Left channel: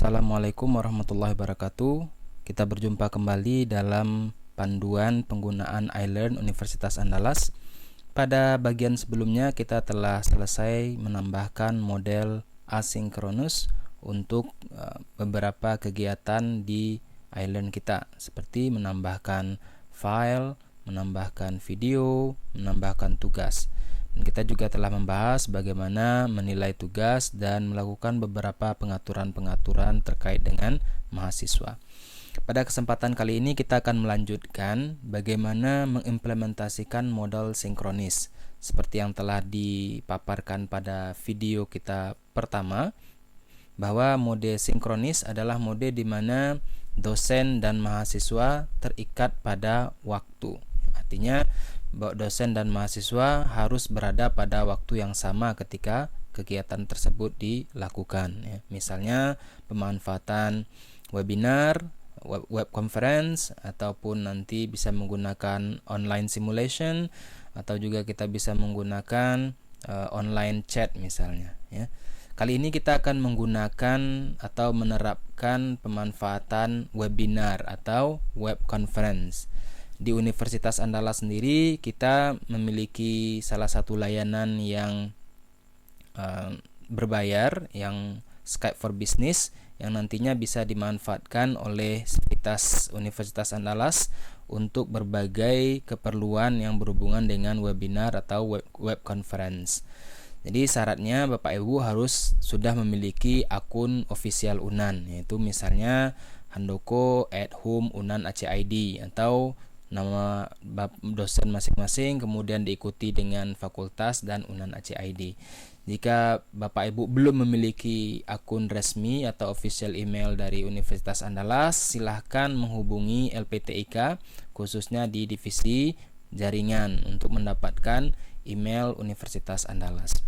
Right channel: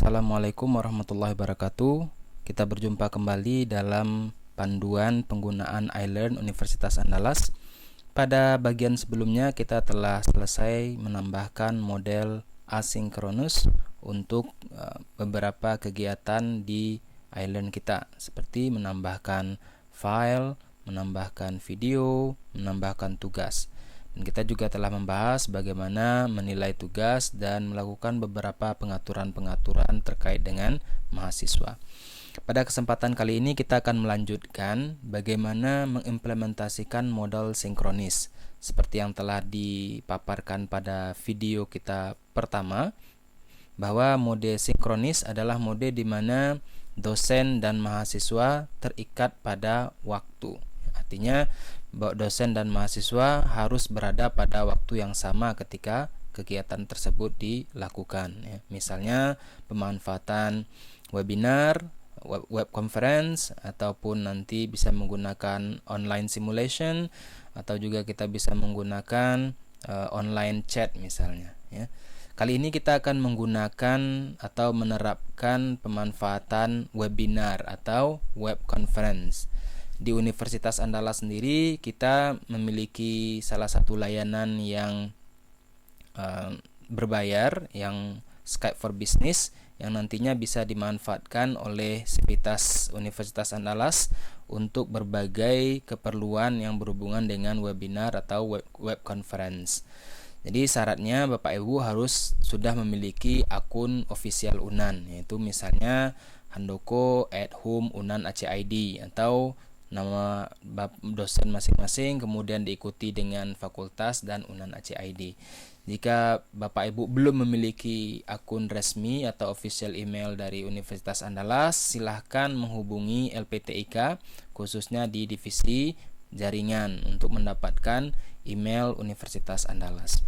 Assalamualaikum warahmatullahi wabarakatuh. Kita berjumpa kembali dalam panduan penggunaan iLearn Universitas Andalas. Pada bagian sebelumnya kita telah selesai menambahkan model asinkronus untuk beberapa kegiatan di iLearn kita, seperti menambahkan file, menambahkan video, menambahkan tugas. Dan kita juga telah membahas bagaimana menilai tugas dan melakukan beberapa pengaturan-pengaturan terkait dengan mahasiswa. Pada kesempatan kali ini kita akan melanjutkan bagaimana mengimplementasikan model sinkronis seperti yang telah dipaparkan pada video kita pertama, bahwa mode sinkronis adalah mode di mana dosen dan mahasiswa terikat pada waktu. Artinya bahwa dosen dan mahasiswa harus berada pada waktu yang sama ketika kegiatan tersebut dilakukan. Misalnya pemanfaatan webinar, web conference, ataupun nanti bisa menggunakan online simulation, atau juga kita bisa menggunakan online chat misalnya. Kali ini kita akan menggunakan atau menerapkan pemanfaatan webinar atau web conference. Di Universitas Andalas sendiri kita memiliki salah satu layanan yang berbayar, yang Skype for Business, yang nantinya bisa dimanfaatkan oleh sivitas Universitas Andalas untuk berbagai keperluan yang berhubungan dengan webinar atau web conference. Jadi syaratnya Bapak Ibu harus sudah memiliki akun official UNAN, yaitu misalnya handoko@hum.unan.ac.id atau nama dosen masing-masing, kemudian diikuti dengan fakultas dan UNAN AC.id. Jika Bapak Ibu belum memiliki akun resmi atau official email dari Universitas Andalas, silahkan menghubungi LPTIK khususnya di divisi jaringan untuk mendapatkan email Universitas Andalas.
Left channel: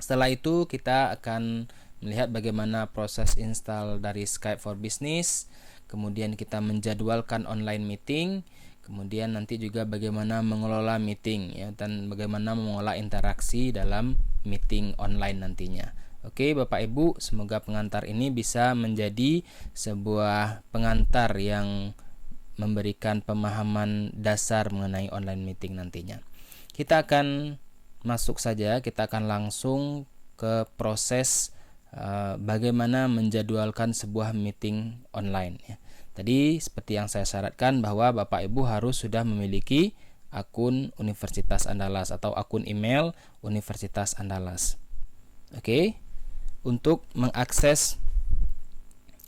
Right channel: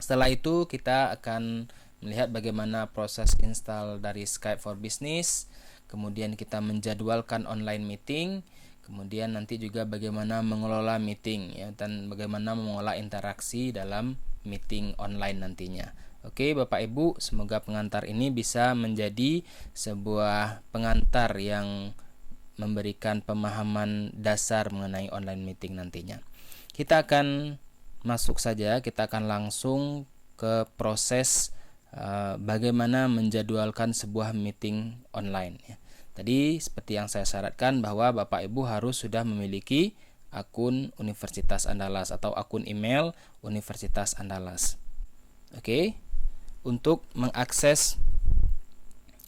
Setelah itu kita akan melihat bagaimana proses install dari Skype for Business, kemudian kita menjadwalkan online meeting, kemudian nanti juga bagaimana mengelola meeting dan bagaimana mengelola interaksi dalam meeting online nantinya. Oke, Bapak Ibu, semoga pengantar ini bisa menjadi sebuah pengantar yang memberikan pemahaman dasar mengenai online meeting nantinya. Kita akan masuk saja, kita akan langsung ke proses bagaimana menjadwalkan sebuah meeting online. Tadi seperti yang saya syaratkan bahwa Bapak Ibu harus sudah memiliki akun Universitas Andalas atau akun email Universitas Andalas. Oke. Untuk mengakses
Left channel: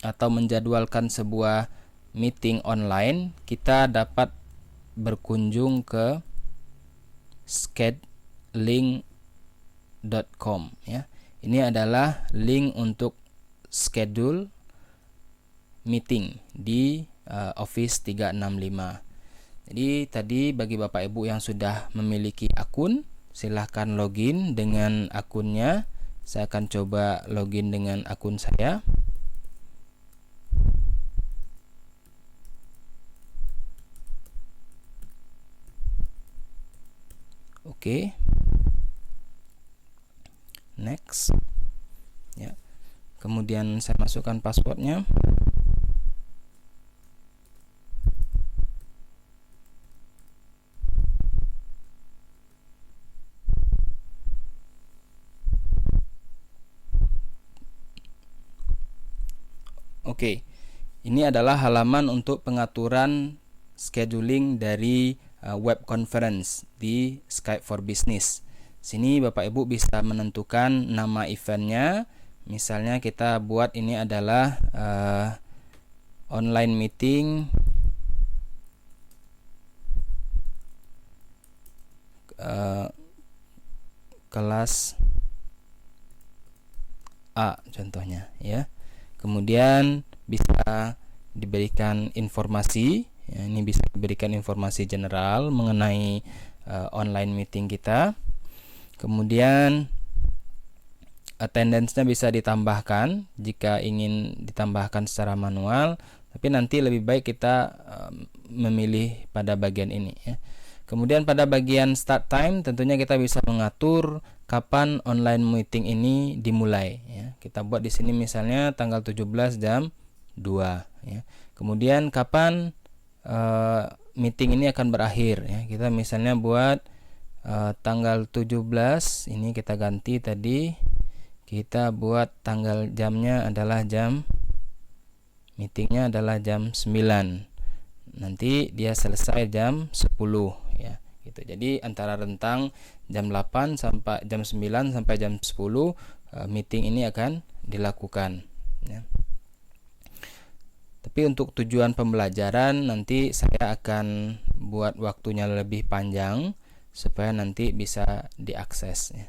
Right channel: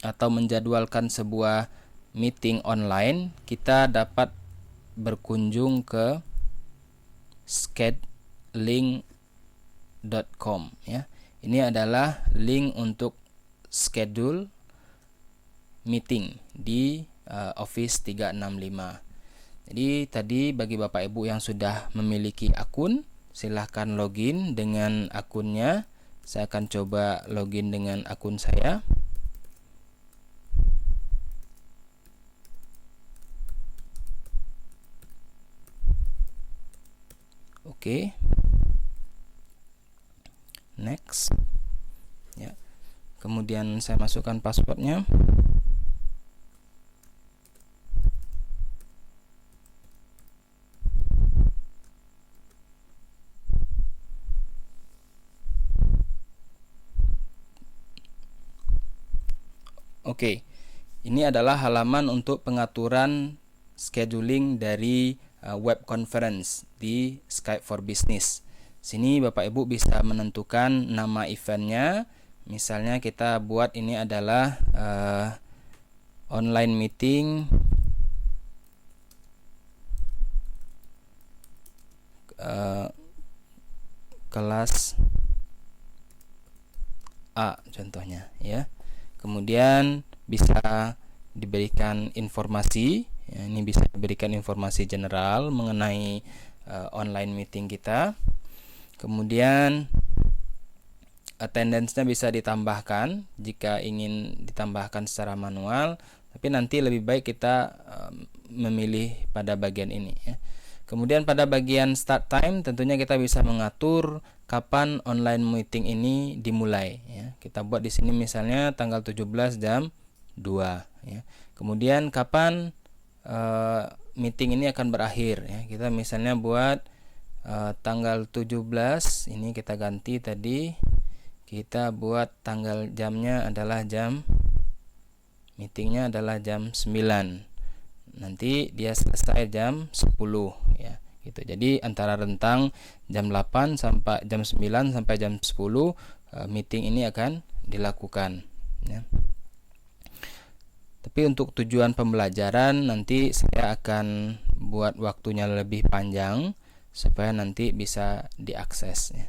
atau menjadwalkan sebuah meeting online, kita dapat berkunjung ke scheduling.com ya. Ini adalah link untuk schedule meeting di Office 365. Jadi tadi bagi Bapak Ibu yang sudah memiliki akun, silahkan login dengan akunnya. Saya akan coba login dengan akun saya. Oke. Next. Ya. Kemudian saya masukkan passwordnya. Oke, ini adalah halaman untuk pengaturan scheduling dari web conference di Skype for Business. Sini Bapak Ibu bisa menentukan nama eventnya. Misalnya kita buat ini adalah online meeting kelas A contohnya ya. Kemudian bisa diberikan informasi, ya, ini bisa diberikan informasi general mengenai online meeting kita. Kemudian attendance-nya bisa ditambahkan jika ingin ditambahkan secara manual, tapi nanti lebih baik kita memilih pada bagian ini ya. Kemudian pada bagian start time tentunya kita bisa mengatur kapan online meeting ini dimulai ya. Kita buat di sini misalnya tanggal 17 jam 2 ya. Kemudian kapan meeting ini akan berakhir ya. Kita misalnya buat tanggal 17, ini kita ganti tadi. Kita buat tanggal jamnya adalah meetingnya adalah jam 9. Nanti dia selesai jam 10 ya. Gitu. Jadi antara rentang jam 8 sampai jam 9 sampai jam 10 meeting ini akan dilakukan ya. Tapi untuk tujuan pembelajaran nanti saya akan buat waktunya lebih panjang supaya nanti bisa diakses ya.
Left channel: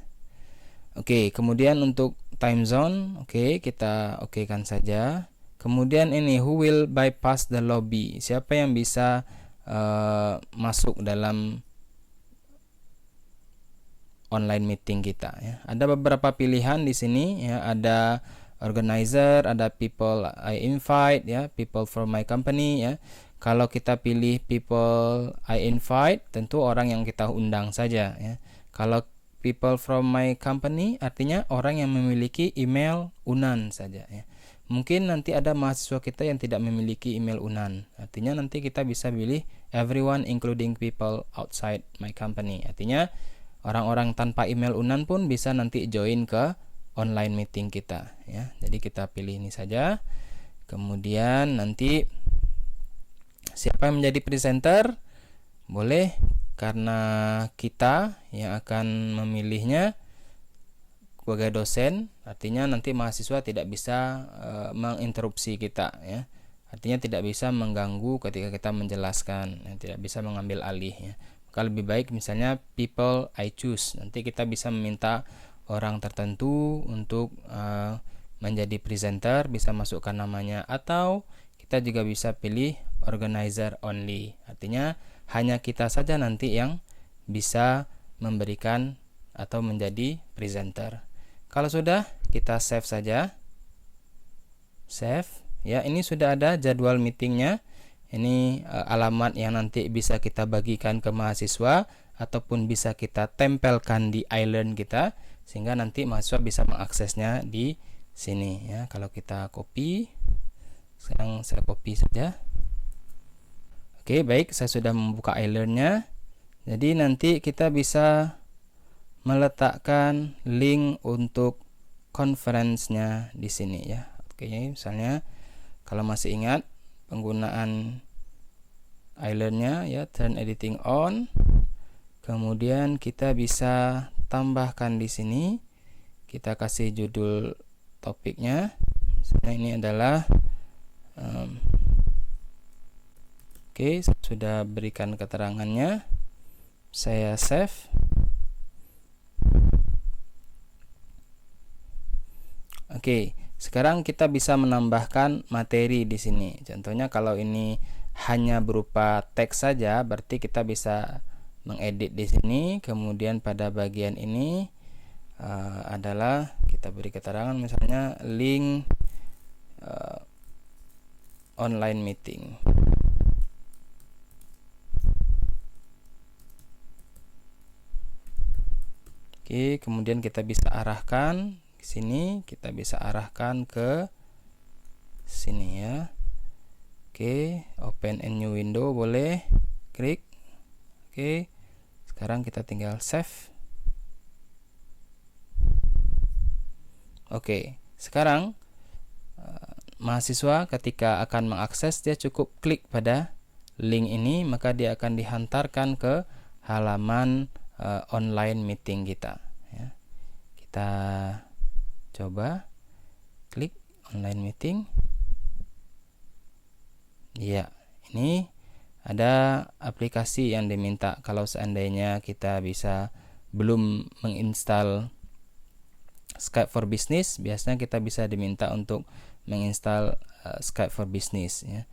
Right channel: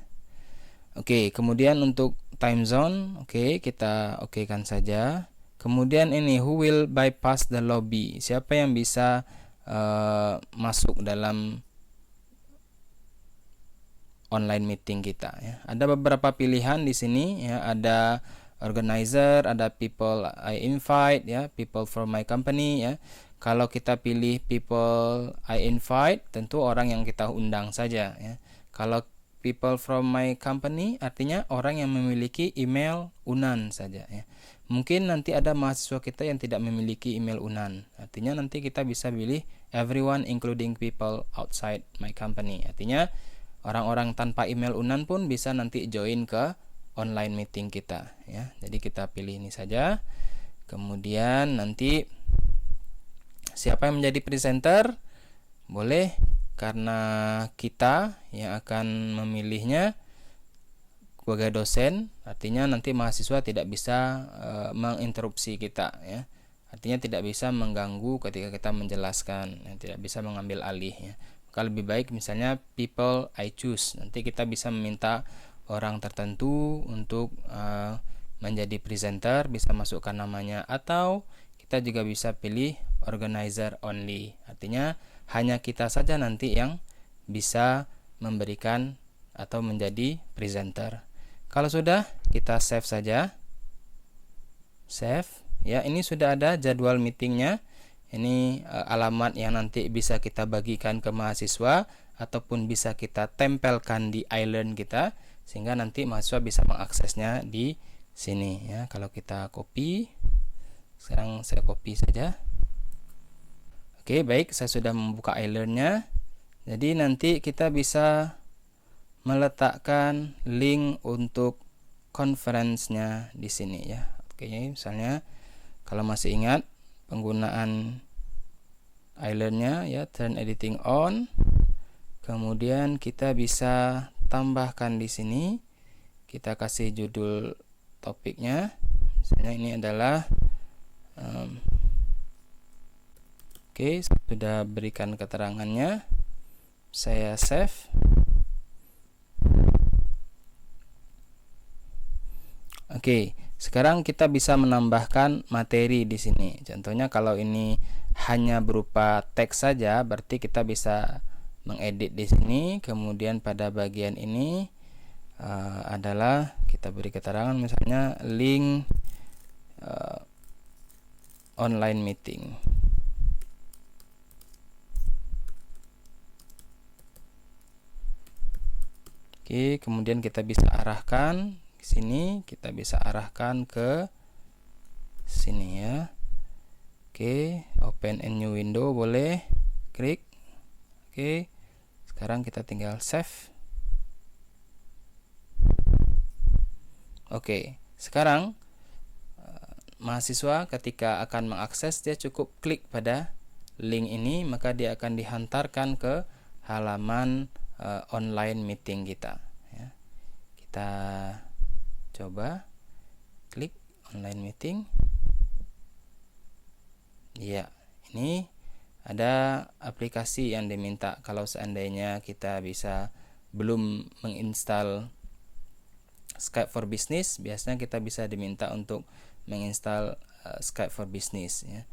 Oke, kemudian untuk time zone, kita okekan saja. Kemudian ini who will bypass the lobby? Siapa yang bisa masuk dalam online meeting kita ya. Ada beberapa pilihan di sini ya, ada organizer, ada people I invite ya, people from my company ya. Kalau kita pilih people I invite, tentu orang yang kita undang saja ya. Kalau people from my company artinya orang yang memiliki email UNAN saja ya. Mungkin nanti ada mahasiswa kita yang tidak memiliki email UNAN. Artinya nanti kita bisa pilih everyone including people outside my company. Artinya orang-orang tanpa email UNAN pun bisa nanti join ke online meeting kita ya. Jadi kita pilih ini saja. Kemudian nanti siapa yang menjadi presenter? Boleh karena kita yang akan memilihnya sebagai dosen, artinya nanti mahasiswa tidak bisa menginterupsi kita ya. Artinya tidak bisa mengganggu ketika kita menjelaskan, ya, tidak bisa mengambil alih ya. Maka lebih baik misalnya people I choose. Nanti kita bisa meminta orang tertentu untuk menjadi presenter, bisa masukkan namanya, atau kita juga bisa pilih organizer only. Artinya hanya kita saja nanti yang bisa memberikan atau menjadi presenter. Kalau sudah, kita save saja. Save. Ya, ini sudah ada jadwal meetingnya. Ini alamat yang nanti bisa kita bagikan ke mahasiswa ataupun bisa kita tempelkan di iLearn kita sehingga nanti mahasiswa bisa mengaksesnya di sini ya. Kalau kita copy, sekarang saya copy saja. Oke, baik, saya sudah membuka iLearn-nya. Jadi nanti kita bisa meletakkan link untuk conference-nya di sini ya. Oke, misalnya kalau masih ingat penggunaan iLearn-nya ya, turn editing on. Kemudian kita bisa tambahkan di sini. Kita kasih judul topiknya. Misalnya ini adalah oke, sudah berikan keterangannya. Saya save. Oke, sekarang kita bisa menambahkan materi di sini. Contohnya kalau ini hanya berupa teks saja, berarti kita bisa mengedit di sini. Kemudian pada bagian ini adalah kita beri keterangan misalnya link online meeting. Oke, kemudian kita bisa arahkan sini, kita bisa arahkan ke sini ya. Oke, open a new window boleh, klik. Oke, sekarang kita tinggal save. Oke, sekarang mahasiswa ketika akan mengakses dia cukup klik pada link ini, maka dia akan dihantarkan ke halaman online meeting kita ya. Kita coba klik online meeting. Ya, ini ada aplikasi yang diminta. Kalau seandainya kita belum menginstal Skype for Business, biasanya kita bisa diminta untuk menginstal Skype for Business ya.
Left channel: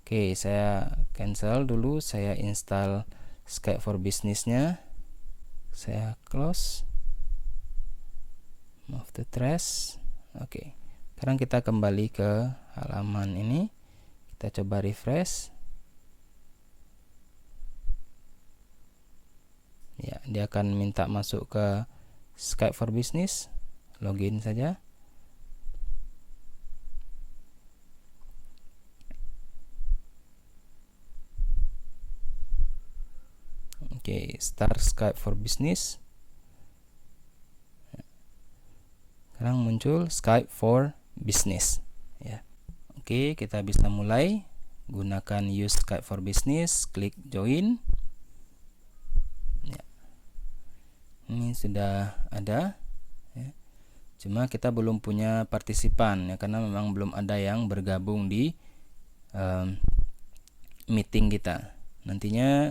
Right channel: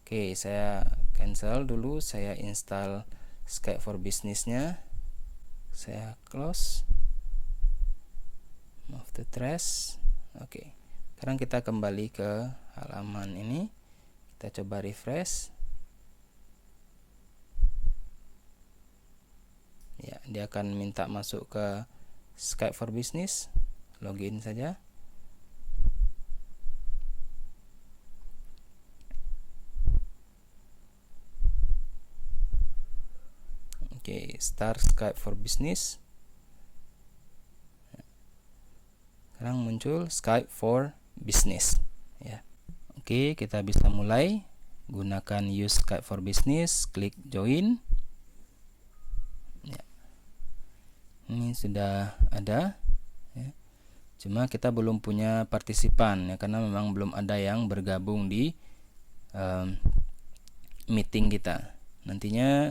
Oke, saya cancel dulu, saya install Skype for Business-nya. Saya close. Move to trash. Oke. Sekarang kita kembali ke halaman ini. Kita coba refresh. Ya, dia akan minta masuk ke Skype for Business, login saja. Oke, start Skype for Business. Sekarang muncul Skype for Business ya. Oke, kita bisa mulai gunakan use Skype for Business, klik join ya. Ini sudah ada ya. Cuma kita belum punya partisipan ya, karena memang belum ada yang bergabung di meeting kita. Nantinya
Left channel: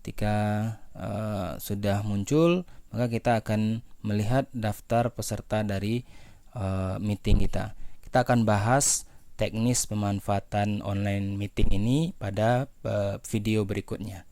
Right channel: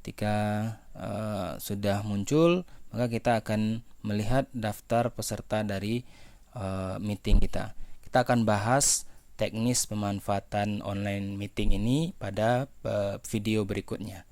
ketika sudah muncul, maka kita akan melihat daftar peserta dari meeting kita. Kita akan bahas teknis pemanfaatan online meeting ini pada video berikutnya.